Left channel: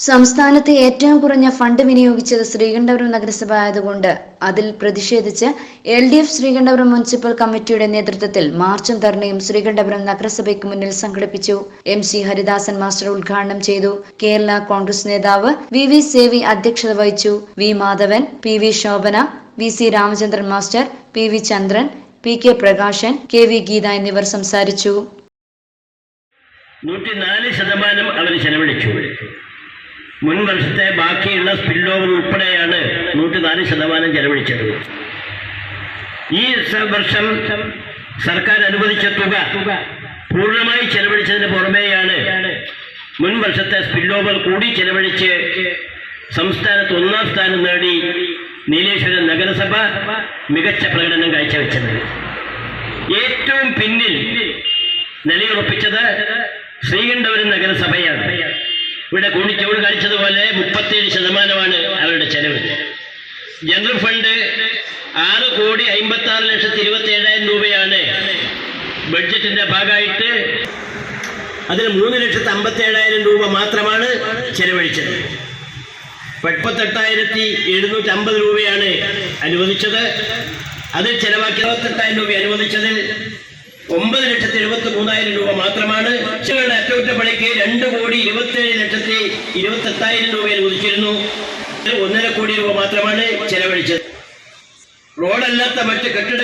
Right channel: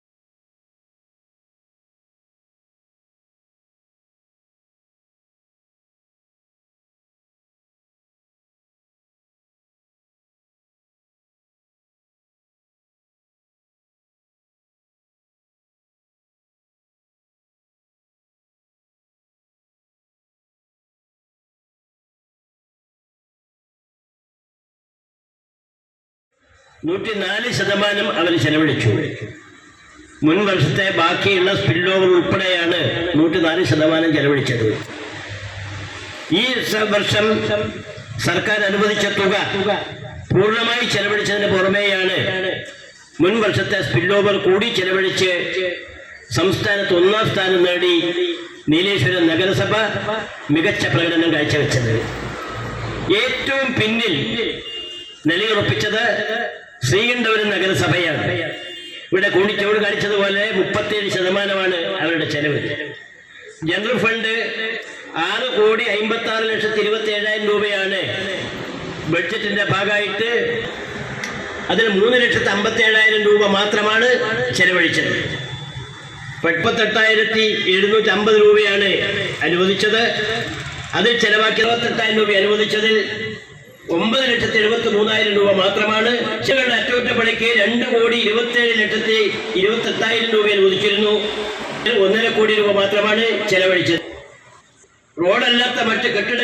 സംസ്ഥാനത്തെ ഏറ്റവും കുറഞ്ഞ ഫണ്ട് വിനിയോഗിച്ചത് ശ്രീകണ്ഠപുരം നഗരസഭ ആയതുകൊണ്ട് അതിൽ പ്രതിഷേധിച്ച് L D F Sreekandapuram municipal കമ്മിറ്റിയുടെ നേതൃത്വത്തിൽ മാർച്ചും ധർണയും ശ്രീകണ്ഠപുരം നഗരസഭയ്ക്ക് മുന്നിൽ സംഘടിപ്പിച്ചു. എം സി ഹരിദാസൻ മാസ്റ്റർ ഉദ്ഘാടനം ചെയ്തു. കേരള കോൺഗ്രസ് നേതാവ് വി വി സേവി അധ്യക്ഷത വഹിച്ചു. V Madhavan P V Shobhana V C Ramachandran master P V Chandran P K Prakashan K V Geetha എന്നിവർ സംസാരിച്ചു. നൂറ്റിനാല് ശതമാനം അവർ ചെലവഴിച്ചു. മുൻ വർഷത്തെ ബാക്കിയുള്ള സ്പിൽ ഓവർ ഉൾപ്പെടെയാണ് നൂറ്റിനാല് ശതമാനം ചെലവഴിച്ചത്. ഈ വർഷം സർക്കാർ അനുവദിച്ച തുക പൂർണമായി ചെലവഴിച്ചതിന് പുറമേയാണ് മുൻ വർഷത്തെ സ്പിൽ ഓവർ കൂടി ചെലവഴിച്ച് സംസ്ഥാനത്ത് ഒന്നാം സ്ഥാനം നേടി നീലേശ്വരം നഗരസഭ മികച്ച പ്രകടനം കാഴ്ചവെച്ചത്. ഏറ്റവും പിന്നിൽ നിലയുറപ്പിച്ചത് ശ്രീകണ്ഠപുരം നഗരസഭയാണ്. കാണിച്ചതുപോലെ മുപ്പത്തിയേഴ് ശതമാനമാണ് അവരുടെ ചെലവ്. ജനറൽ ഫണ്ട് ആറ് കോടി അമ്പത്തി ആറ് ലക്ഷത്തി ഇരുപത്തി ഏഴായിരം രൂപയാണ് ബഡ്ജറ്റിന്റെ ഭാഗമായിട്ട് അതിൽ മൂന്ന് ലക്ഷത്തി അമ്പത്തി ഏഴായിരം രൂപ മാത്രമാണ് ചെലവഴിച്ചത്. മുപ്പത്തെട്ടായിരത്തി എഴുന്നൂറ്റി അമ്പത് രൂപയാണ് അനുവദിച്ചത്. അതിൽ ചെലവാക്കി ഇരുപത്തെട്ടായിരം രൂപ അനുവദിച്ചതിൽ ഒമ്പത് ലക്ഷത്തി എഴുപത്തി മൂന്നായിരം രൂപ മാത്രമാണ്. അറ്റകുറ്റപ്പണിക്ക് രണ്ട് കോടി ഇരുപത്തേഴ് ലക്ഷത്തി ഇരുപത്തെട്ടായിരം രൂപ അനുവദിച്ചിരുന്നു ഇതിൽ ഒന്നര കോടി രൂപ മാത്രമാണ് ചെലവഴിച്ചത്. റോഡല്ലാത്ത മറ്റ് കെട്ടിട